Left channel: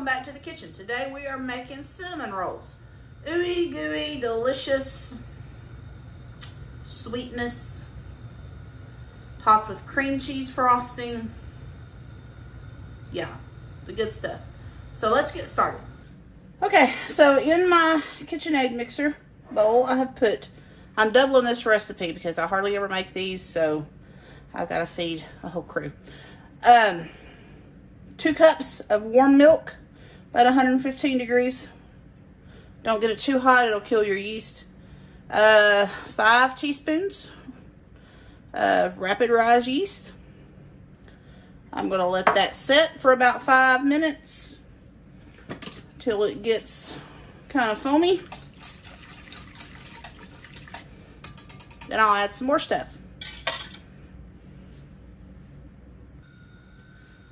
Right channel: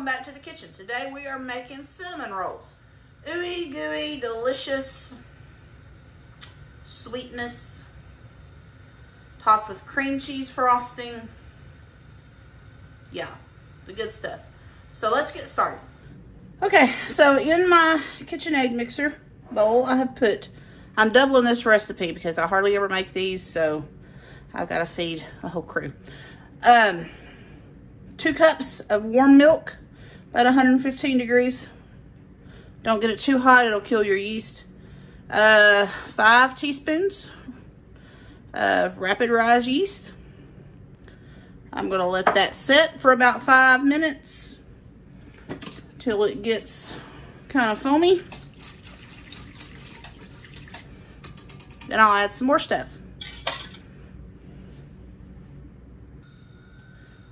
welcome back to the kitchen. Today we are making cinnamon rolls. Ooey gooey, delicious sweetness, topped with cream cheese frosting. Yeah, the good stuff. So let's get started. Okay, so in my kitchen egg mixer bowl, I'm doubling this recipe because I hardly ever make these, so I've got to feed the whole crew. 2 cups of warm milk, about 115 degrees. Don't get it too hot, it'll kill your yeast. 5 teaspoons of rapid rise yeast. I'm gonna let that set for about 5 minutes till it gets kind of foamy. Then I'll add some more stuff.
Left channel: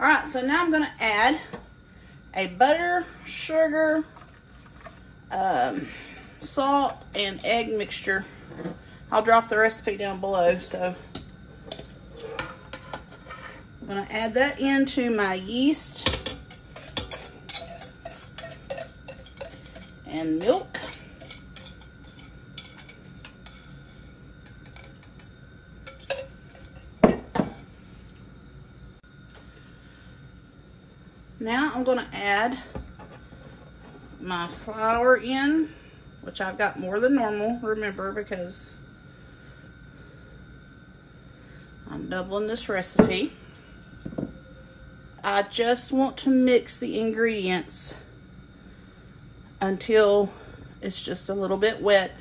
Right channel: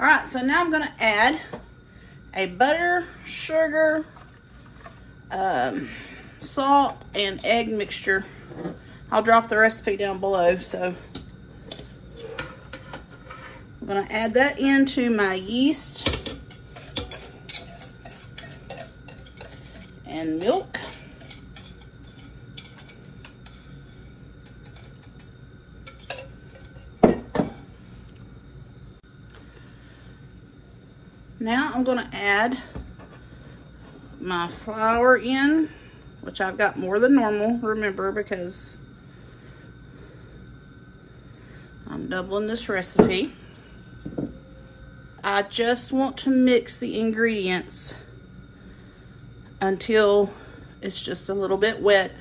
All right, so now I'm gonna add a butter, sugar, salt, and egg mixture. I'll drop the recipe down below, so I'm gonna add that into my yeast and milk. Now I'm going to add my flour in, which I've got more than normal, remember, because I'm doubling this recipe. I just want to mix the ingredients until it's just a little bit wet.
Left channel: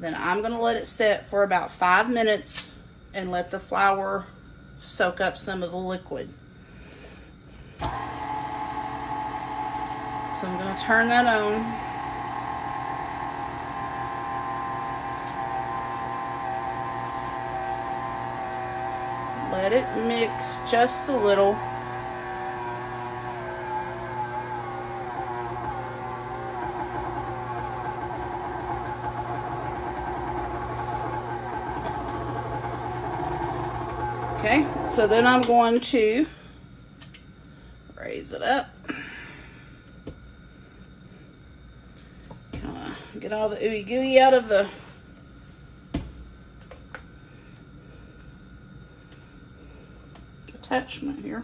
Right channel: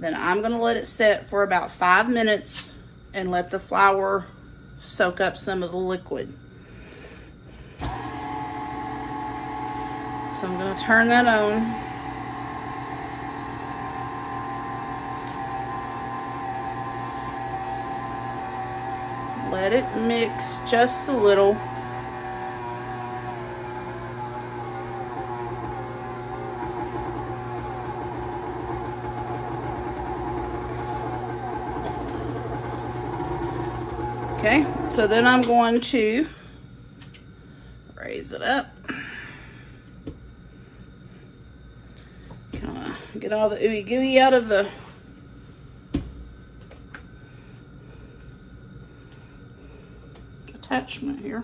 Then I'm going to let it set for about 5 minutes and let the flour soak up some of the liquid. So I'm going to turn that on. Let it mix just a little. Okay, so then I'm going to raise it up. Get all the ooey gooey out of the attachment here.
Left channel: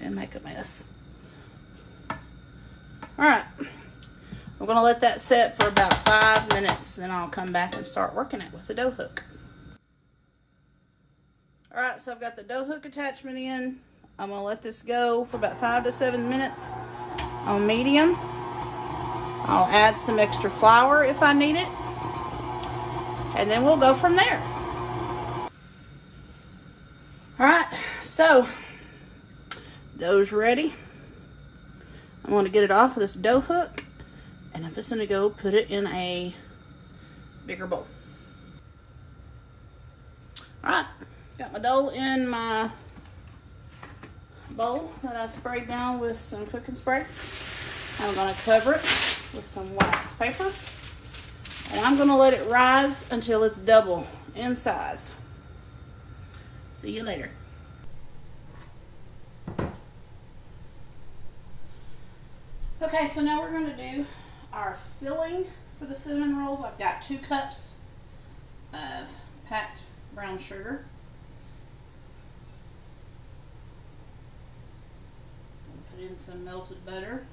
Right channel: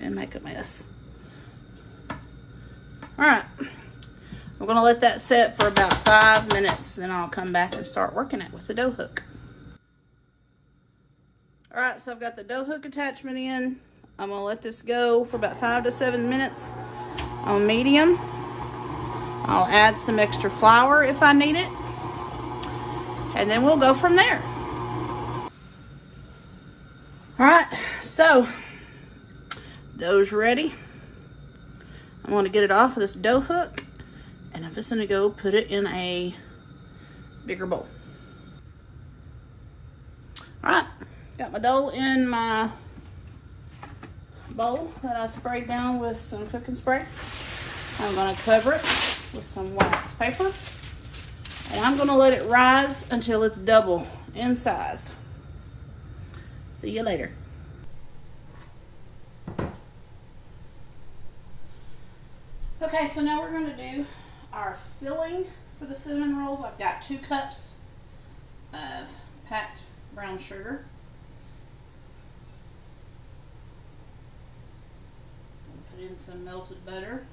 And make a mess. All right, I'm gonna let that set for about 5 minutes, and I'll come back and start working it with the dough hook. All right, so I've got the dough hook attachment in. I'm gonna let this go for about 5 to 7 minutes on medium. I'll add some extra flour if I need it, and then we'll go from there. All right, so dough's ready. I'm going to get it off of this dough hook, and I'm just going to go put it in a bigger bowl. All right, got my dough in my bowl that I sprayed down with some cooking spray. I'm going to cover it with some wax paper, and I'm going to let it rise until it's double in size. See you later. Okay, so now we're going to do our filling for the cinnamon rolls. I've got 2 cups of packed brown sugar. Put in some melted butter.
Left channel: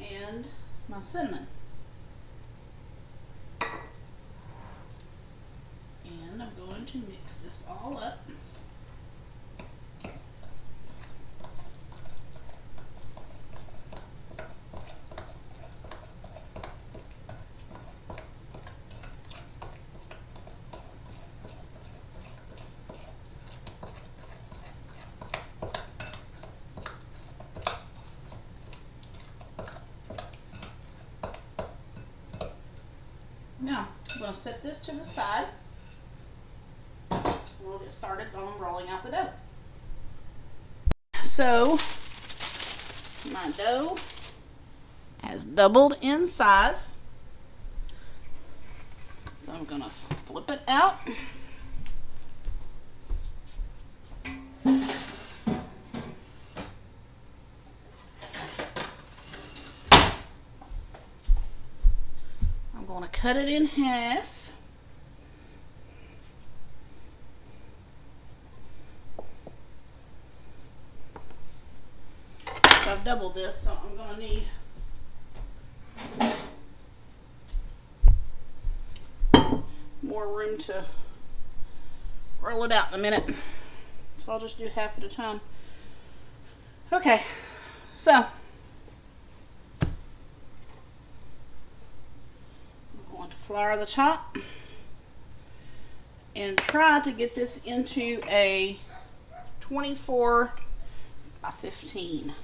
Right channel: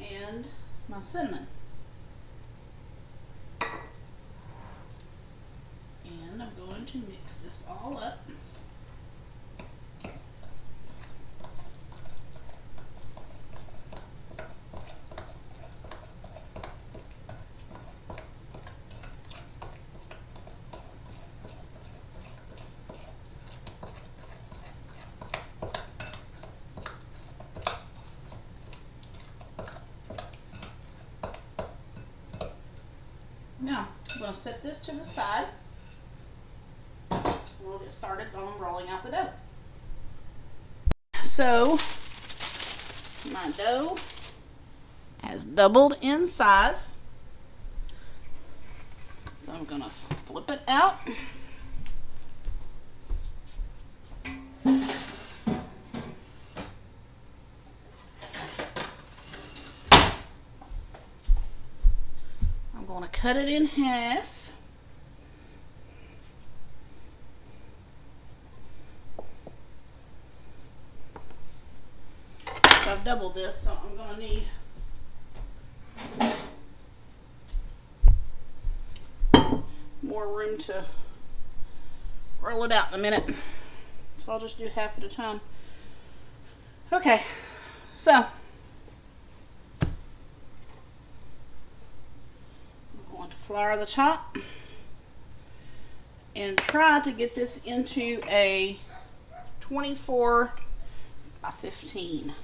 And my cinnamon. And I'm going to mix this all up. Now, I'm going to set this to the side. We'll get started on rolling out the dough. So, my dough has doubled in size. So I'm going to flip it out. I'm going to cut it in half. I've doubled this, so I'm going to need more room to roll it out in a minute. So I'll just do half at a time. Okay, so I'm going to flour the top and try to get this into a 24 by 15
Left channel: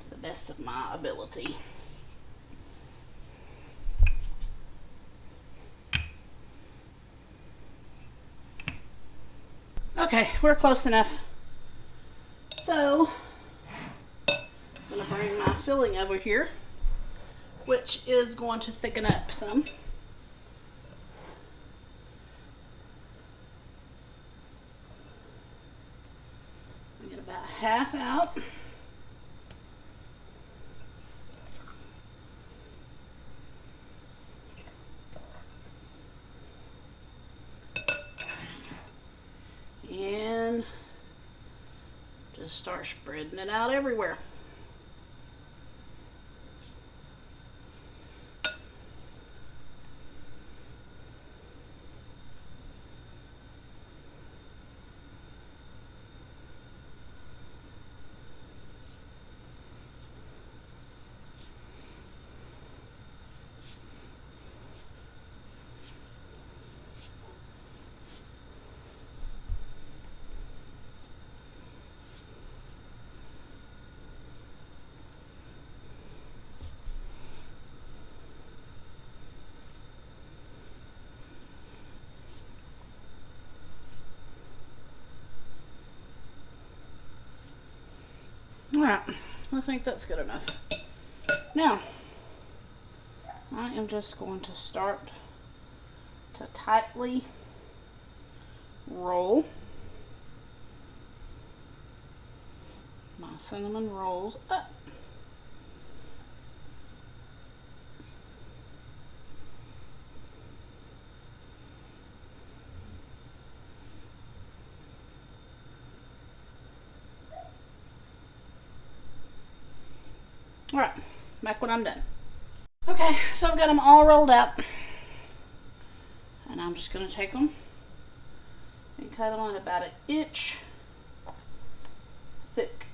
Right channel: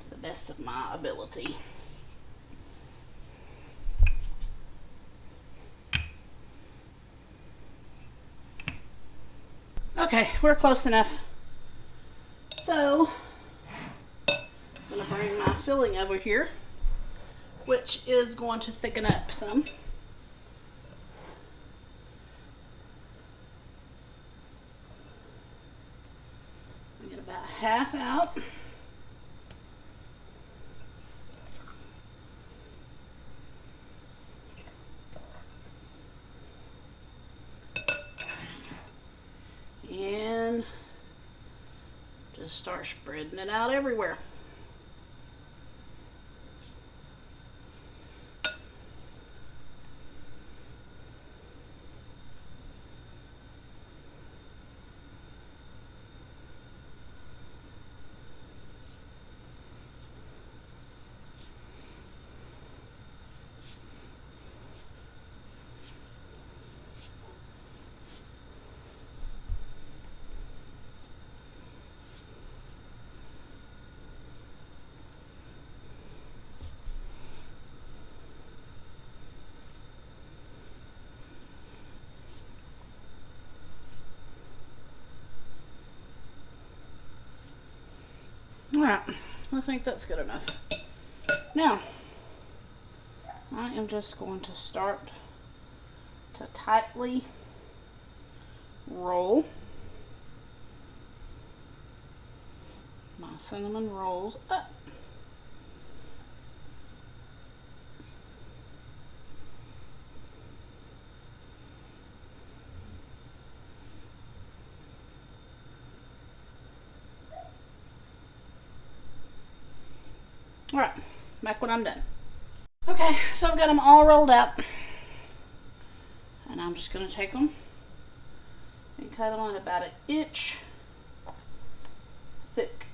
to the best of my ability. Okay, we're close enough. So, I'm going to bring my filling over here, which is going to thicken up some. Get about half out. And just start spreading it out everywhere. Alright, I think that's good enough. Now, I am just going to start to tightly roll my cinnamon rolls up. Alright, back when I'm done. Okay, so I've got them all rolled out. And I'm just going to take them and cut them on about an inch thick.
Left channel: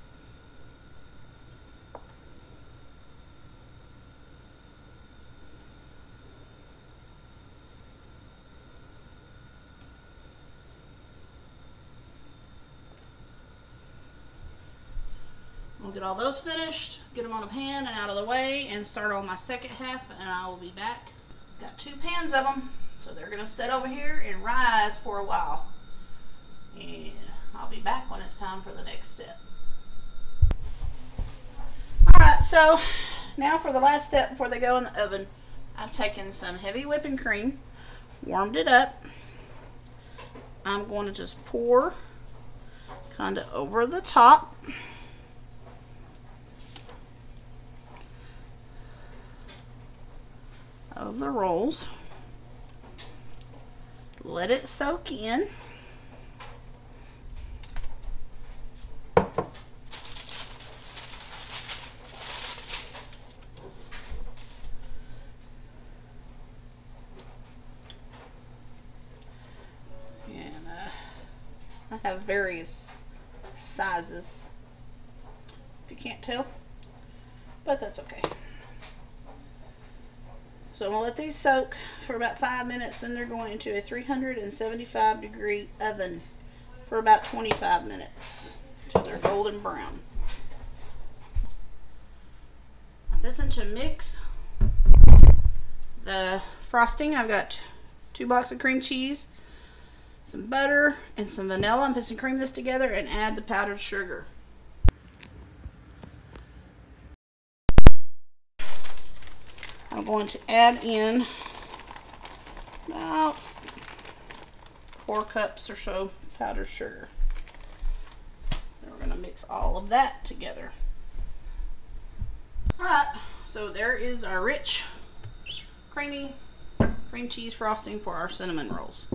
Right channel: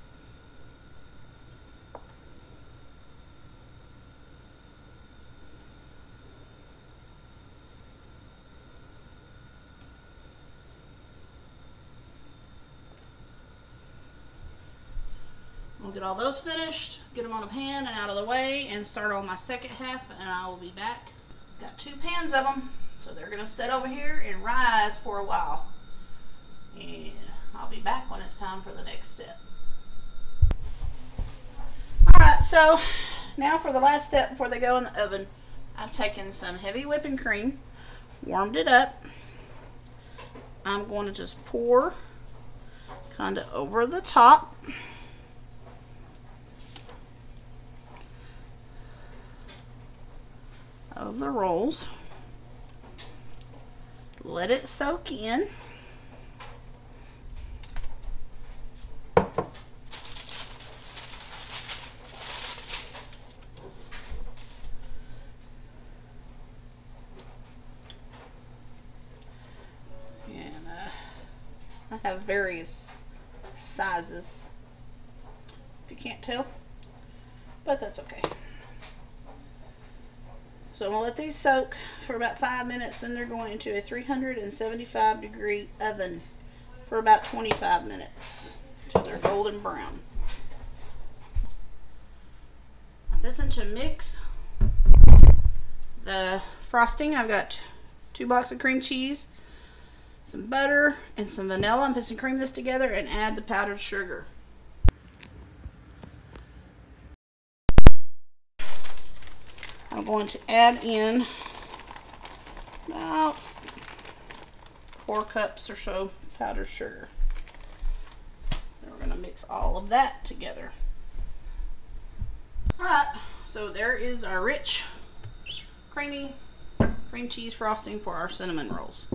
I'll get all those finished, get them on a pan and out of the way, and start on my second half, and I will be back. Got 2 pans of them, so they're going to sit over here and rise for a while. And I'll be back when it's time for the next step. Alright, so now for the last step before they go in the oven. I've taken some heavy whipping cream, warmed it up. I'm going to just pour kind of over the top. Of the rolls. Let it soak in. And I have various sizes, if you can't tell, but that's okay. So I'm going to let these soak for about 5 minutes, then they're going into a 375-degree oven for about 25 minutes until they're golden brown. I'm fixing to mix the frosting. I've got 2 blocks of cream cheese, some butter, and some vanilla. I'm just going to cream this together and add the powdered sugar. I'm going to add in about 4 cups or so powdered sugar. And we're going to mix all of that together. Alright, so there is our rich, creamy cream cheese frosting for our cinnamon rolls.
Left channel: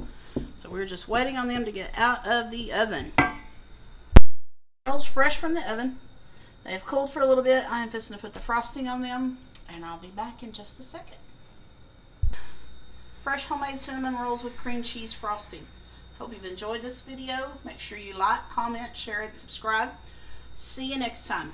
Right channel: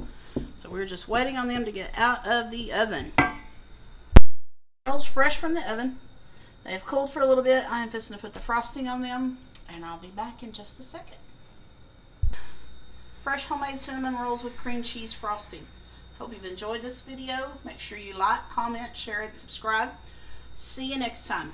So we're just waiting on them to get out of the oven. Rolls fresh from the oven. They've cooled for a little bit. I'm just going to put the frosting on them, and I'll be back in just a second. Fresh homemade cinnamon rolls with cream cheese frosting. Hope you've enjoyed this video. Make sure you like, comment, share, and subscribe. See you next time.